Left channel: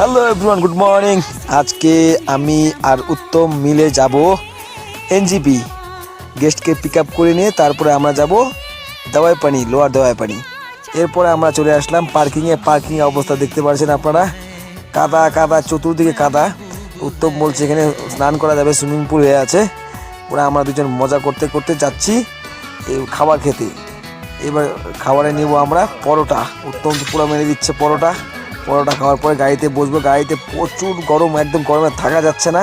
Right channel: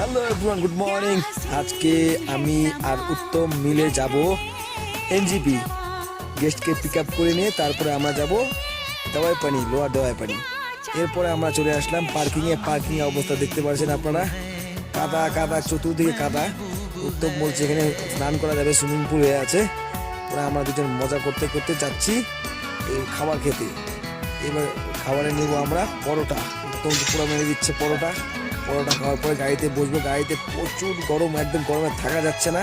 Hello everyone, good morning. আজকে আমি আর উত্তম মিলে যাব এনজিপি। গেস্টকে পিক আপ করে নিয়ে তারপরে আমরা যাব দাওয়াই পানি, লোয়ার দাওয়াই পানি। এরপরে আমরা চলে আসলাম পার্কিংয়ে। পার্কিং অবস্থা দেখতে পাচ্ছেন আপনারা, কাদা কাদা, চতুর্দিকে কাদা। উত্তম বলছে এখানে স্নান করা যাবে, সুইমিং পুল হয়ে আছে। ওরা আমরা দুজন মজা করতে করতে যাচ্ছি এই খাবার খেতে। এবার খাবারে নিব আমরা পরোটা। উত্তম পুরো মেরে দিচ্ছে পরোটা। পরোটা খাওয়ার পরে গাড়িতে বসবো। গাড়িতে প্রচুর গরম, একদম গরমে থাকা যাচ্ছে না।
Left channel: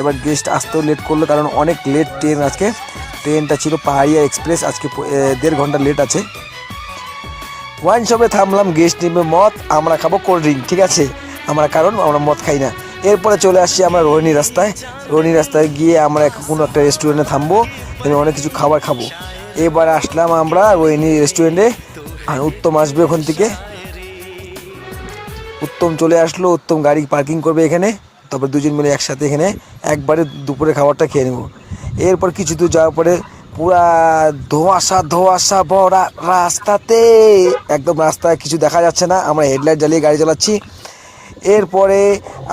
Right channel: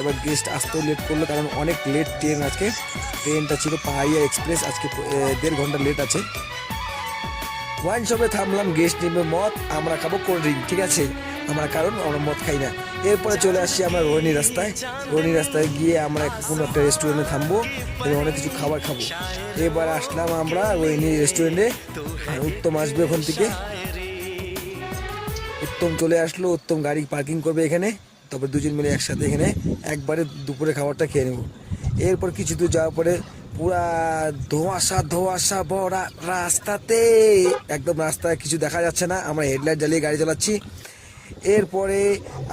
এবার গেস্ট আসতেও লেট করলো, কারণ অনেক লেট ট্রেন আজকে। ট্রেনটা ছিল পাহাড়িয়া এক্সপ্রেস, আজকে 1.5 ঘন্টা লেট আছে। ওয়াইন শপে থামলাম, গেস্ট নিবে মদ, আমরা খাবো কোল্ড ড্রিঙ্ক। ঠিক আছে, কারণ আমরা মদ খাই না। এরপরে চলে আসছি আমরা রোহিণী রাস্তায়। রোহিণী রাস্তায় গিয়ে আমরা কোনো একটা রেস্টুরেন্টে থামবো, অনেক কিছু খাবার খাবো। এবার আসলাম আমরা রোহিণী রেস্টুরেন্টে, আর উত্তম আসবে ওখান থেকে। উত্তম চলে আসলো, উত্তম গাড়ি পার্কিং করবে এখানে। তারপর দুজন মিলে একসাথে এখানে একবারে দুপুরে খাবারটা খেয়ে নেব। এরপর কিছু দূর যাওয়ার পরে পুরা ধোঁয়াশা ধোঁয়াশা ভরা রাস্তাতে, একদম রাস্তায় কিছু দেখা যাচ্ছে না। আমরা হেডলাইট জ্বালিয়ে গাড়ি চালাচ্ছি। এরপরে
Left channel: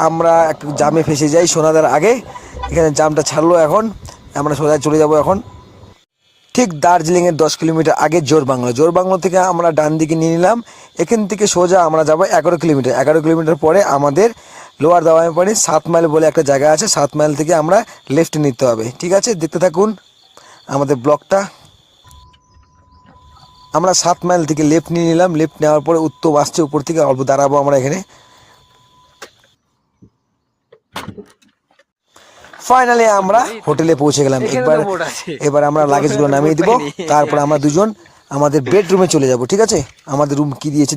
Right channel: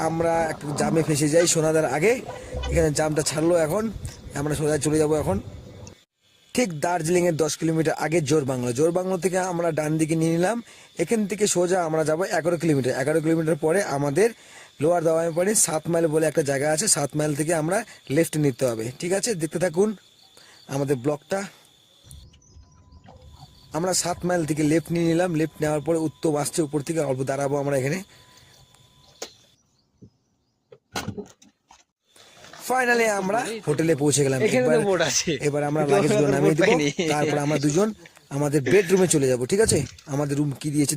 আমরা একটু জামে ফেসে যাই সোনাদার আগে। এখানে জামটা ছাড়লো, এখন আমরা সোজা চলে যাব এখন ঠিক দার্জিলিংয়ের 10 কিলোমিটার আগে জোরবাংলা। জোরবাংলা থেকে আমরা ডান দিকে নিয়ে নিলাম। এখান থেকে সোজা আমরা যাব 11 কিলোমিটার। 11 কিলোমিটার পরে আমাদের লোয়ার দাওয়াই পানি 7 মাইল বলে একটা জায়গা আছে। 7 মাইল থেকে আমরা লেফট নিতে হবে। ঠিক আছে, দেখতে থাকুন আমাদের ব্লগটা। আমরা 7 মাইল থেকে লেফট নিয়ে নিলাম। লেফট নেওয়ার পরে উত্তম আসছে উপর থেকে, অল্প দাঁড়াবো আমরা এখানে। ফাইনালি আমরা হোটেলে পৌঁছে গেলাম। এবার আমরা লাগেজগুলো নামিয়ে দিব, তারপর আমরা দুজন আমাদের বেডরুমে চলে যাব। ঠিক আছে, আমাদের রুম কি দিয়েছে